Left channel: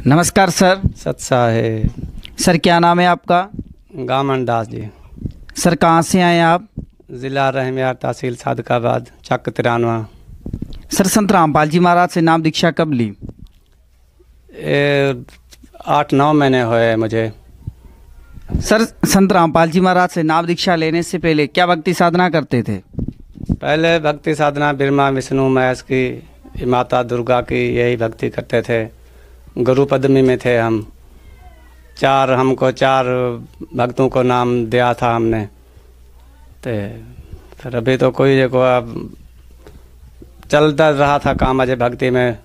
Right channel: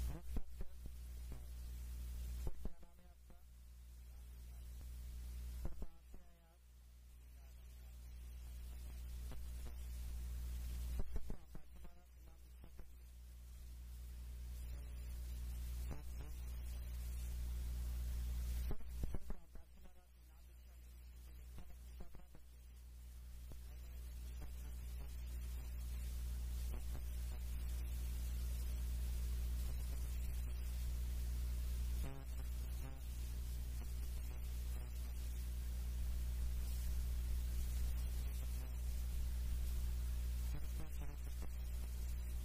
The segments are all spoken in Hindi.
नमस्कार सर। सत्सा है। सर क्या नाम है आपका? गामन दास जी। सर कहाँ से आए आप? ज़िला रहमियार, तहसील सादकाबाद, चक 93। सर संत रामपाल जी महाराज से नाम दीक्षा कब ली? ये 8-9 महीने हुए मुझे। सर संत रामपाल जी महाराज से नाम दीक्षा लेने से पहले क्या भक्ति साधना करते थे? पहले भक्ति साधना ब्रह्मा विष्णु महेश की, माता दुर्गा की, यही भक्ति करते थे। गुरु पद्मी में थे हम। हमको चार भक्तों को नाम दिया था हमने। तो फिर अभी तो कोई देखो अब चलता रहा था काम अजय भक्ति में।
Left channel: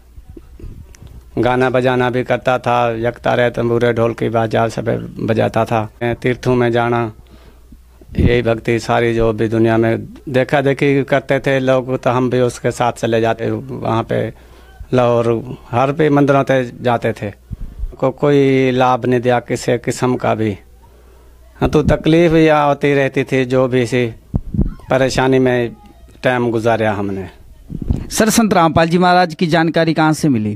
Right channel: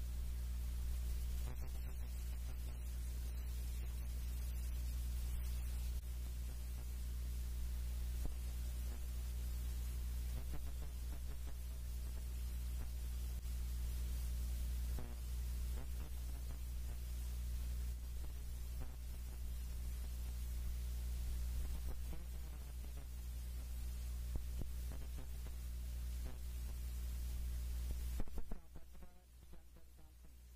गाना बजाना भी करता था, यकता रहे तंबूरे ढोल की बाजा सब बजाता था। तीर्थों में जाना, यही भक्ति सारी जो भी दुनिया में देखा देखी करते थे लोग, तो हम भी उसके साथ चले जाते वहाँ पे लाहौर हर पे मंदिरों पे जाते थे। कोई लाभ नहीं दिया किसी किस्म का भी। हाँ तो तकलीफ या होती रहती थी, जो भी सी परेशानी में टाइम गुजारा हमने। सर संत रामपाल जी महाराज की जानकारी कहाँ से मिली?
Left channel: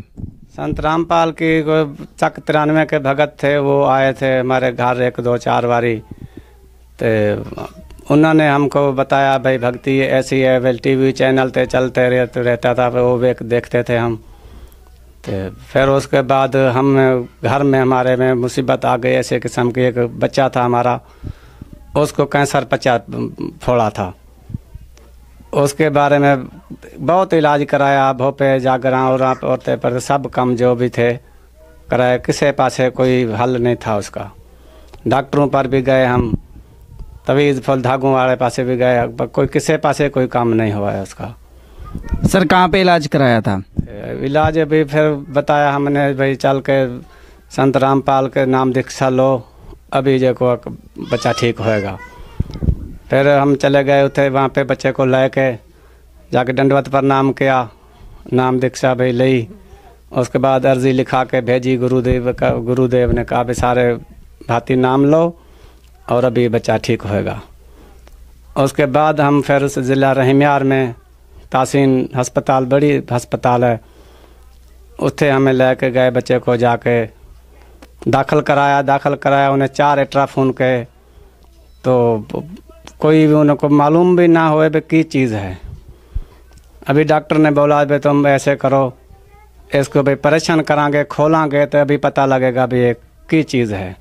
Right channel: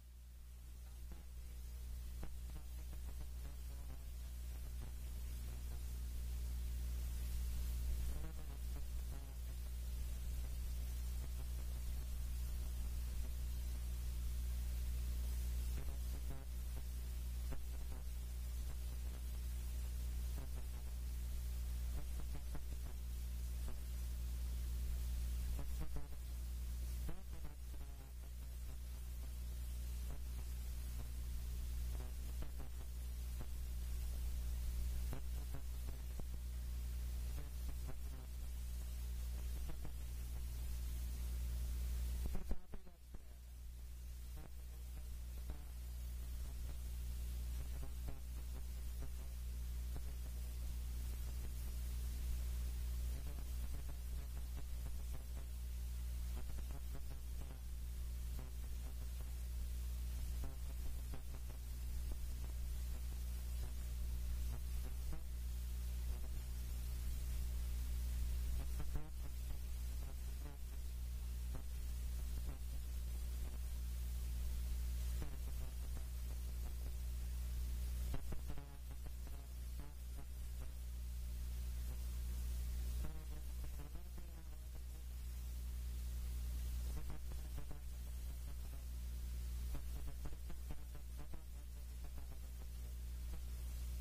संत रामपाल की चक 93 के भगत थे, वो आए थे हमारे घर 1-2-4 बारी। तो उन्होंने हमको बताया भाई भक्ति ऐसी है, वेल टीवी चैनल पे चलते रहता था, वो देखते थे हम। तो फिर उसके बाद हम घर में हमारे में मुसीबत आ गई ऐसे किस्म की। एक बच्चा था हमारा, उसको कैंसर फोड़ा था। उसके बारे में बहुत इलाज कराया, भोपे जागरा और पर सब कम जो भी थे कराए, किसी पासे कोई हल नहीं था उसका। डॉक्टरों पर भी गए हम, तवीज़ फल धागों वाले पासे भी गए, कोई किसी पासे कोई काम नहीं हुआ है उसका। सर कहाँ पे इलाज कराया था? इलाज भी फिर बताया हमने भाई चल के संत रामपाल के नाम दीक्षा लो, अभी जो को बच्चा ठीक होएगा। फिर हम चले गए उठे वहाँ पे, बच्चे को ले के जाके दंडवत प्रणाम किया, नाम दीक्षा भाई ली। उसके बाद अर्जी लिखा के भेजी गुरुदेव ने कहा भी सारे भांति नाम लो और अभी बच्चा ठीक होएगा। उसके बाद हम फिर उस ज़िला रहमियार में तासीन अस्पताल, बड़ी अस्पताल है, उत्थे हमें लेके गए। बच्चे को जाके दाखिल कराया। उन्हें 4 अल्ट्राफोन के, तो कोई भी उनको मालूम भी ना होए भी की चीज़ है। अभी डॉक्टर ने बोला भाई तुम ऐसे करो, इसको भाई परेशान करांगे, खोलांगे तो अभी पता लगेगा भी ये की चीज़ है।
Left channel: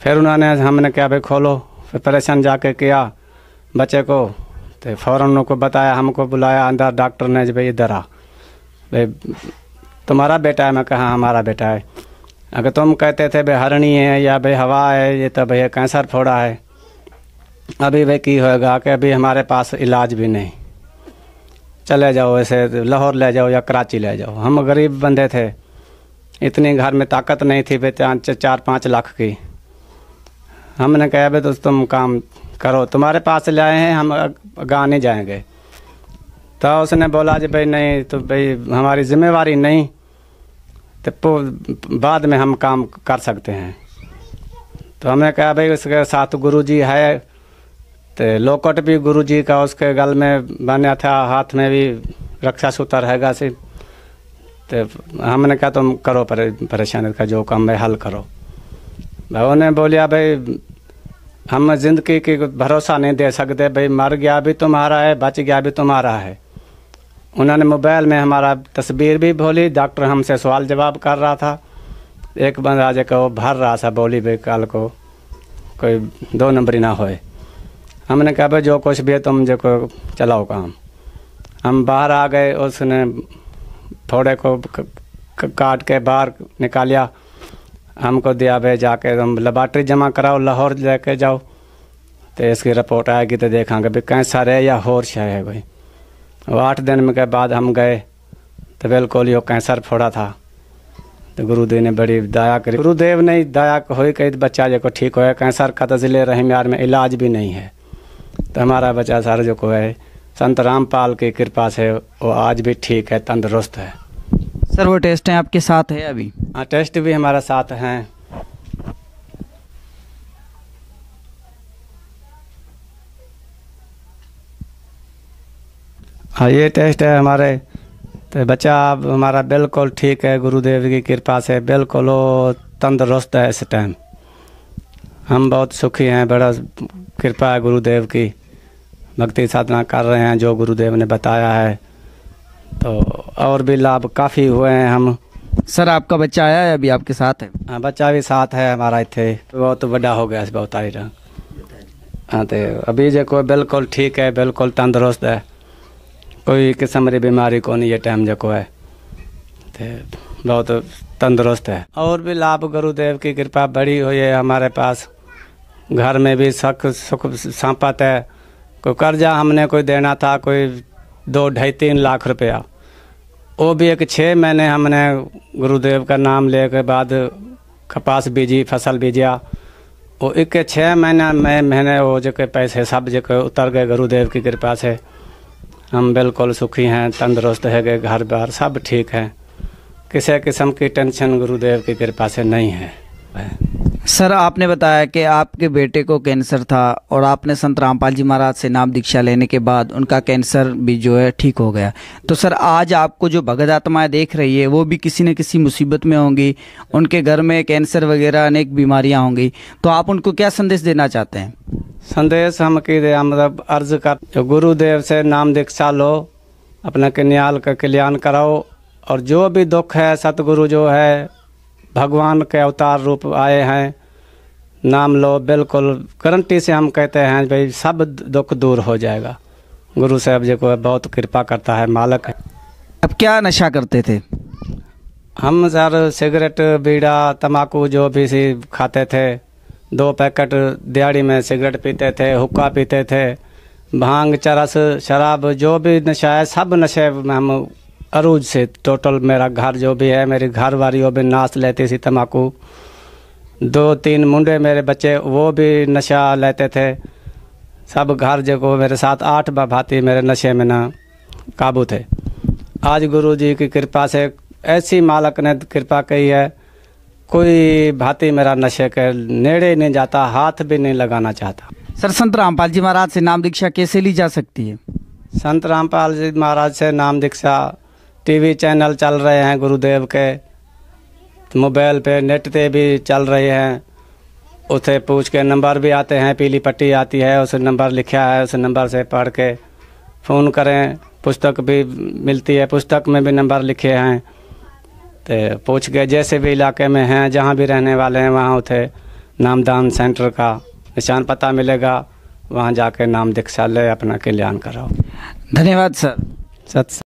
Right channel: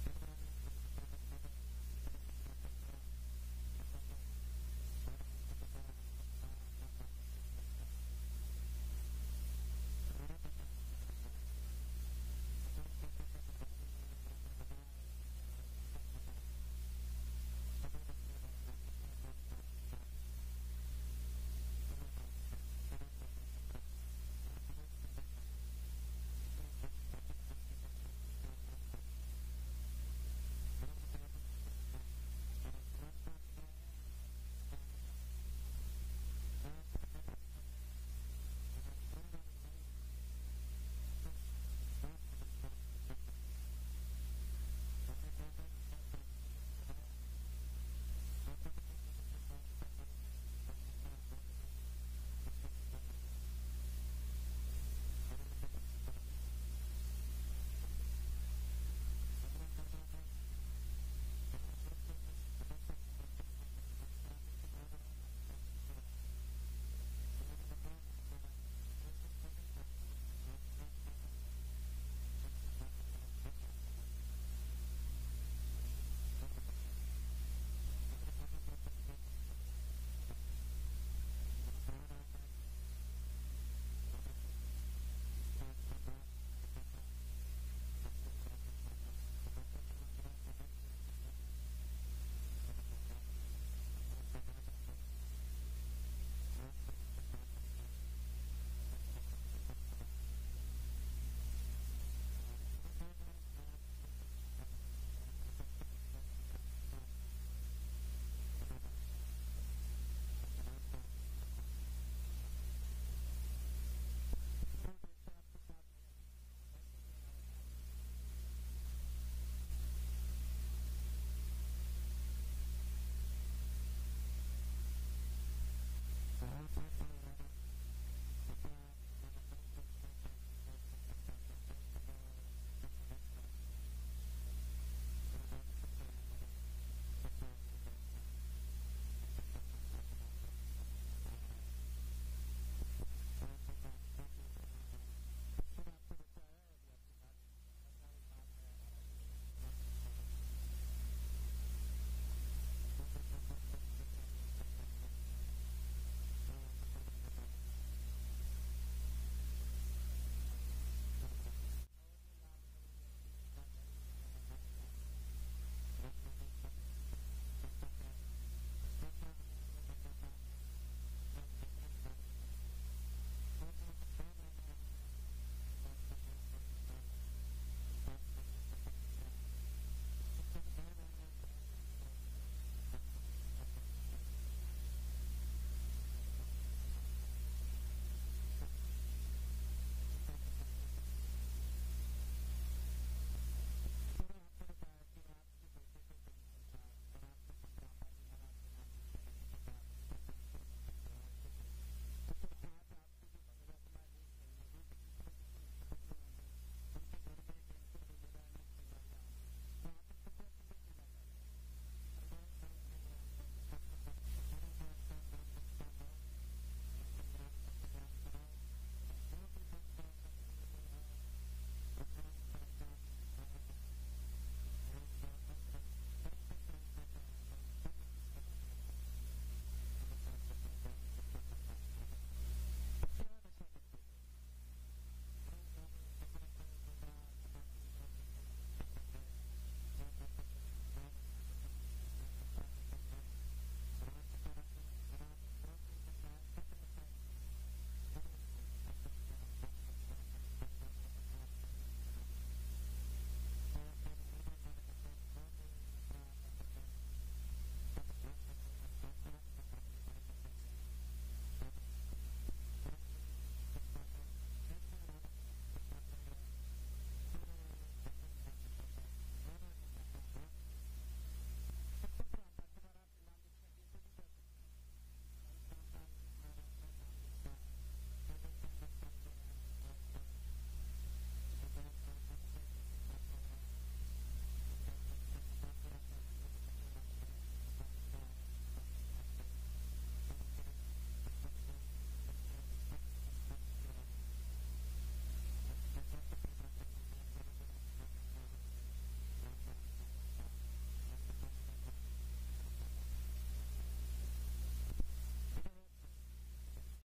फिर हमने क्या भाई खोलो। फिर परेशान जाके किया बच्चे को, तो फ़ौरन उनको बताया, हमको बुलाया अंदर डॉक्टर ने, भाई इधर आ, भाई तुम्हारा बेटा है? मैं कहा हमारा बेटा है। अगर तुम कहते थे भाई हरणी है या भाई हवा है, ये तो भाई कैंसर फोड़ा है, अभी भाई की होएगा कि अभी हमारे पास इलाज भी नहीं, चले जाओ ऐसे लाहौर ले जाओ या कराची ले जाओ। हम गरीब बंदे थे, इतनी घर में ताकत नहीं थी भाई 4-5 लाख की। हमने कहा भाई तो तुम काम करो, तुम्हारे पास ले आए हैं, हम गाँव नहीं जाएंगे। तो उसने बोला जी भाई नहीं, तो भाई हमारी जिम्मेवारी नहीं, तो बाद में हम काम कर सकते हैं। तो हमने कहा भाई उसके साथ गुरुजी है, तो लोकट भी गुरुजी का उसके गल में बना था, हाथ में भी रक्षा सूत्र हैगा सी। तो हमने कहा तुम करो परेशानी का जो काम है हल करो। उन्होंने बोलिया भाई हम ज़िंदगी की भरोसा नहीं दे सकते, भाई मर गया भी तुम्हारा है, बच गया भी तुम्हारा है। उन्होंने मोबाइल में हमारा तस्वीर भी बोली, डॉक्टर हमसे सवाल जवाब कर रहा था। एक बंदा जो वो भर रहा था, बोली भाई कल को कोई 2 नंबरी ना होए। हमने कहा भाई जो कुछ भी है तुम जो को चलाओ काम। हम बाहर आ गए, उसने थोड़े को काट के बाहर निकालिया, हमको दिया भाई जाके तुम लेबॉर्ट्री जमा कराओ, लाहौर लेके जाओ, तो इसकी रिपोर्ट आएगी तो देखेंगे भाई कैंसर है या होश है भाई। वो 8 दिन के बाद हम गए तो बिल्कुल यो कैंसर फोड़ा था। तो गुरुदेव ने बड़ी दया करी, गुरुदेव ने दया हुई कही बच्चा जो को ठीक होया। कैंसर का तो ज़िले रहमियार में इलाज भी नहीं है, तो हमारा बच्चा सारा जो को है संत रामपाल की कृपा से वो आज भी ठीक है, तंदुरुस्त है। सर वो टेस्ट हैं आपके साथ है अभी? हाँ टेस्ट भी हमारे साथ हैं। हाँ ये टेस्ट है हमारे तो बच्चा अब हमारा बिल्कुल ठीक है, गुरुदेव की कृपा से बिल्कुल वो तंदुरुस्त है इस टाइम। हम बहुत सुखी हैं, बड़ा कृपा है गुरुदेव की। भक्ति साधना कर रहे हैं जो गुरुदेव ने बताया है, तो और भी लाभ काफ़ी हुए हैं हम। सर आपका बच्चा आया है अभी आपके साथ है? हाँ, बच्चा भी साथ है हमारा, इतने बहुत बड़ा हो गया बहुत आई रहा। हाँ, तो अभी जो कोई बिल्कुल ठीक है, बिल्कुल तंदुरुस्त है, कोई किस्म की बीमारी को नहीं ये टाइम जो है, तो बहुत तंदुरुस्त है। और भी लाभ गुरुदेव की कृपा बड़ी हुई है हमारे पास। घर में भी सुख संपत है। कोई कर्जा हमने कोई देना था, कोई 2-2.5-3 लाख रुपया, वो भी एक 6 महीने हमने गुरुदेव का नाम ले के बाद कपास बीजी, फसल बीजा, वो एक 6 महीने वो जो पैसे सब जो उतर गए गुरुदेव की कृपा से। हम बिल्कुल सुखी हैं, तंदुरुस्त है गए, घर बार सब ठीक है, किसी किस्म की टेंशन गुरुदेव की कृपा से नहीं है। सर आपने बताया कि आपके बेटे को कैंसर था और आपने संत रामपाल जी महाराज से नाम दीक्षा लेने के बाद उनका कैंसर भी जो है ठीक हो गया। तो सर आज आपको जो भगत आत्माएं देख रही है वो भी किसी न किसी मुसीबत में होंगी, उनके घर में कैंसर वगैरह अनेक बीमारियां होंगी, तो आप उनको क्या संदेश देना चाहते हैं? संदेश हम की दे, मतलब अर्ज कर, जो गुरुदेव से नाम दीक्षा लो, अपना कन्याल का कल्याण कराओ, और जो भी दुख है सतगुरु जो है भगवान के अवतार रूप आए हैं, नाम लो, बिल्कुल गारंटी से हम कहते हैं भाई सब दुख दूर हो जाएगा। गुरु साहब जी को बहुत कृपा करता है, मालक है। अब क्या नशा करते थे? हम सर सिगरेट, बीड़ा, तम्बाकू जो भी सी खाते थे, 2 पैकेट दिहाड़ी में सिगरेट पीते थे, हुक्का पीते थे, भांग, चरस, शराब, जो भी नशा है सब नशे में हम अरूज से टोटल। मेरा घर जो भी है, मेरी घर वाली वो भी नाश लेती थी तम्बाकू, 2-3 मुंडे मेरे बच्चे वो भी नशा लेते थे, सब घर जो मेरे साथ 8 भाती मेरे नशे में ना काबू थे। आज गुरु जी की कृपा से ऐसी मालक ने कृपा की है, कोई भाती मेरा नशे के नेड़े नहीं जाता, हाथ भी नहीं लगाना चाहता। सर संत रामपाल जी महाराज से नाम दीक्षा कैसे ली जा सकती है? संत रामपाल जी महाराज से नाम दीक्षा टीवी चैनल चल रहे हैं गुरुदेव के, मोबाइल पे नेट पे भी चल रहे हैं, उसे पूछ के नंबर भी आते हैं, पीली पट्टी आती है, उस नंबर लिखा है, उस नंबर से पढ़ के फ़ोन करें। पुस्तक भी मिलती है, पुस्तक में भी नंबर लिखे हैं, तो पूछ के जैसे भी इलाके में हैं, जहाँ भी रहने वाले हैं, वहाँ उसे नामदान सेंटर का निशान पता मिलेगा, वहाँ जाके नाम दीक्षा ले, अपना कल्याण कराओ। धन्यवाद सर। सत्य।